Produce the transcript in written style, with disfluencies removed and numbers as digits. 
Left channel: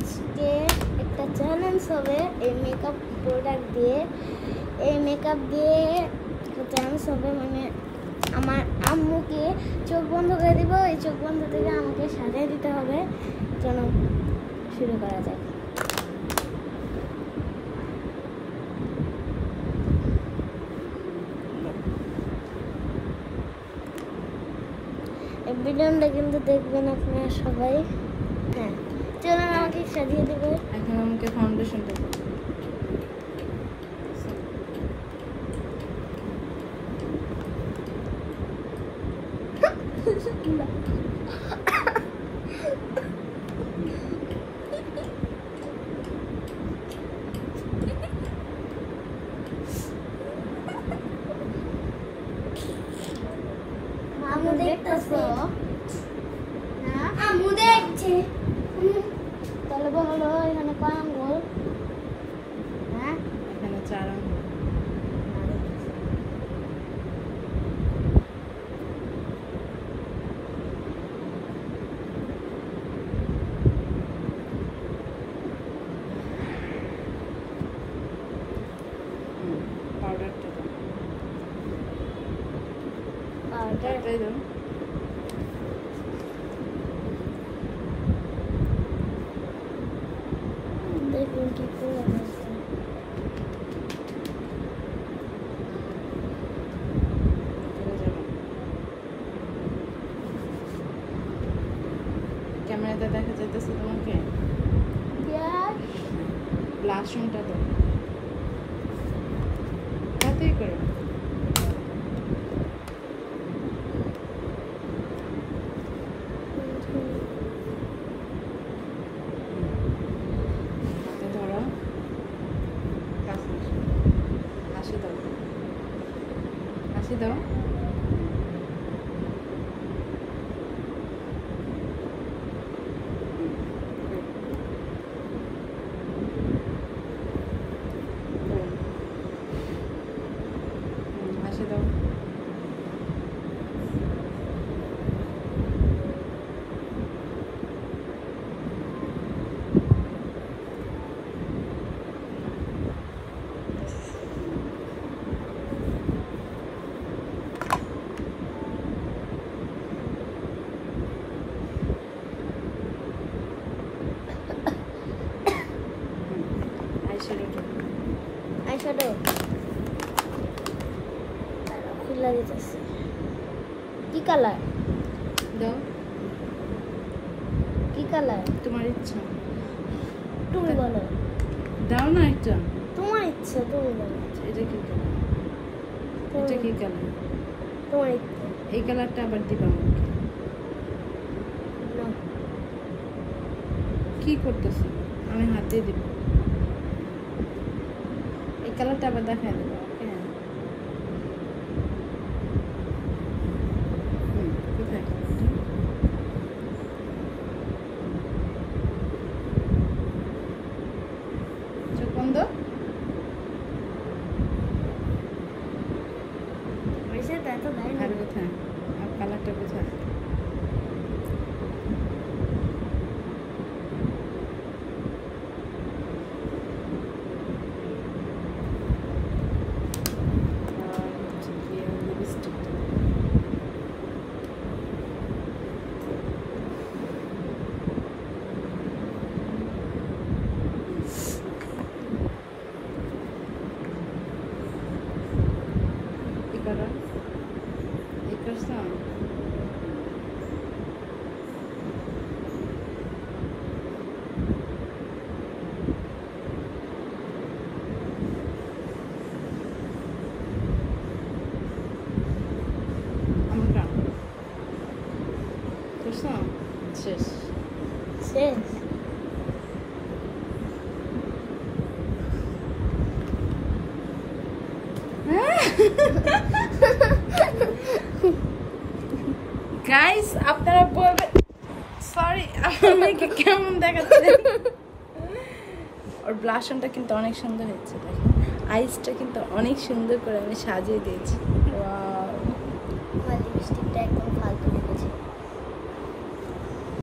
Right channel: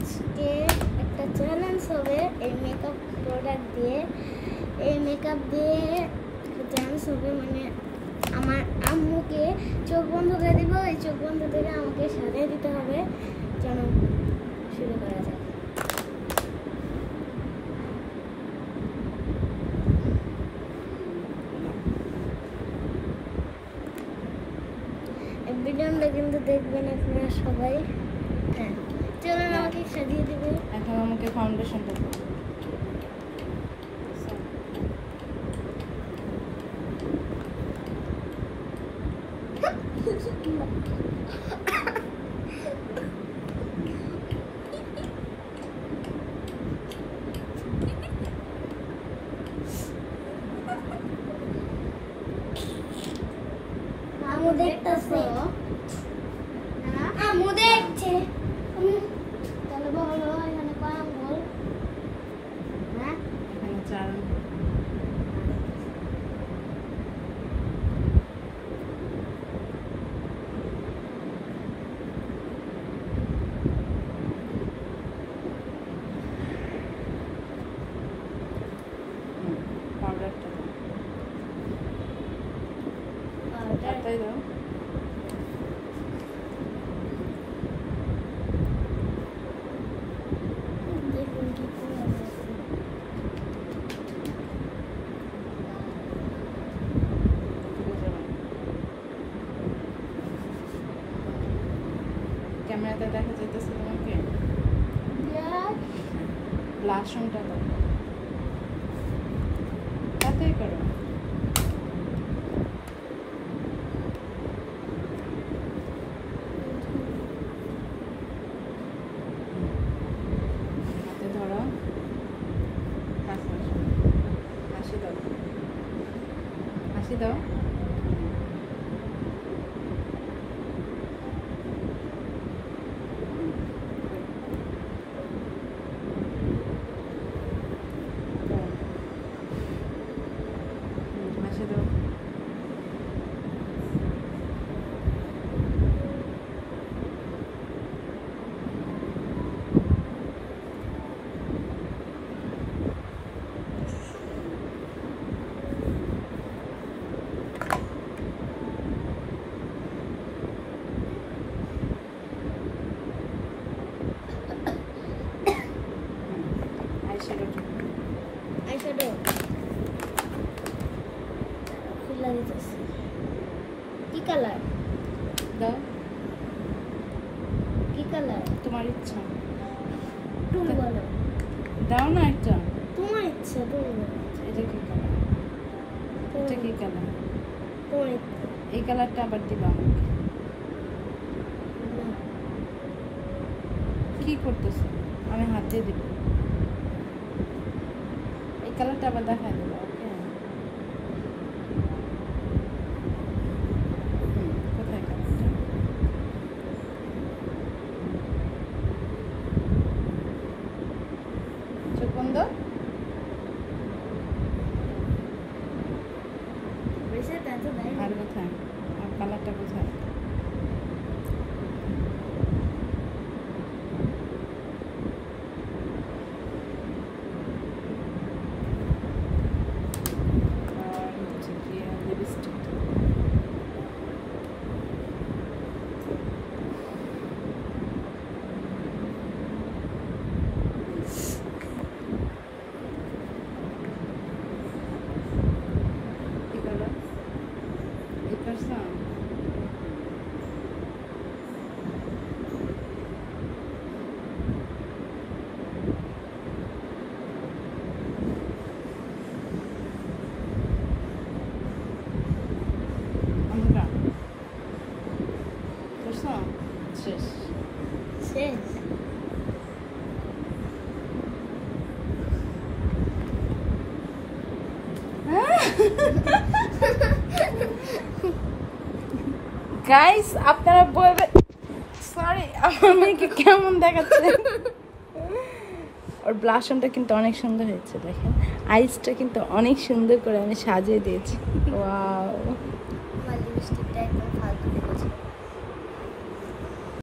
আজকে একটা চ্যালেঞ্জ হবে এই মেকআপ প্রোডাক্ট দিয়ে। এই মেকআপ দিয়ে চ্যালেঞ্জ হবে, মানে আমার আম্মুকে চোখ বন্ধ করে দিব, এই চোখ বন্ধ থেকে আমাকে সাজিয়ে দিতে হবে। যেন শুরু করা যাক। ভিডিওটা কিন্তু দেখবেন আপনারা সবাই। হ্যাঁ, চলুন আমাকে সাজিয়ে দিবে। এখন আমাকে ফাউন্ডেশনটা দাও। আম্মু দেখতেছে না? আম্মু দেখছে। তাহলে বলো এখানে কয় আঙ্গুল? হ্যাঁ, এখানে 4 আঙ্গুল। পাউডারটা দাও। পাউডারটাই দাও। দেখুন কি করে আছে। ক্যামেরাতে দেখা যাইতেছে তোমাকে? ব্লাশনটা দাও। তাতেই করো। হাতে ধরো। হাসি দাও। হাসি দাও। হাসি দাও। আইশ্যাডো খুলে দিতেছি। কি কালার দাও? কি কালার তোমার ইচ্ছা। তুমি বলো। দাও না একটা। তোমার ইচ্ছা, তুমি বলো। এটা কি কালার? এটা কি কালার? তোমার ইচ্ছা। এই কালারটা আবার দিবা আমাকে। কি করতেছো? আমি হাত দিয়ে দিব। এই কালারটা আবার দেখাই দেবো। ওকে, কোথায় কালারটা? চোখ বন্ধ। আর কোথায়? আর কালারটা কোথায়? শেষ শেষ। গাইস, আপনারা বলবেন সরি আমাকে কেমন দেখাচ্ছে। और ব্লাশনটা কিন্তু অনেক সুন্দর হয়েছে, দেখেন আইসটা কিন্তু অনেক সুন্দর করে আমি সাজিয়ে দিয়েছি।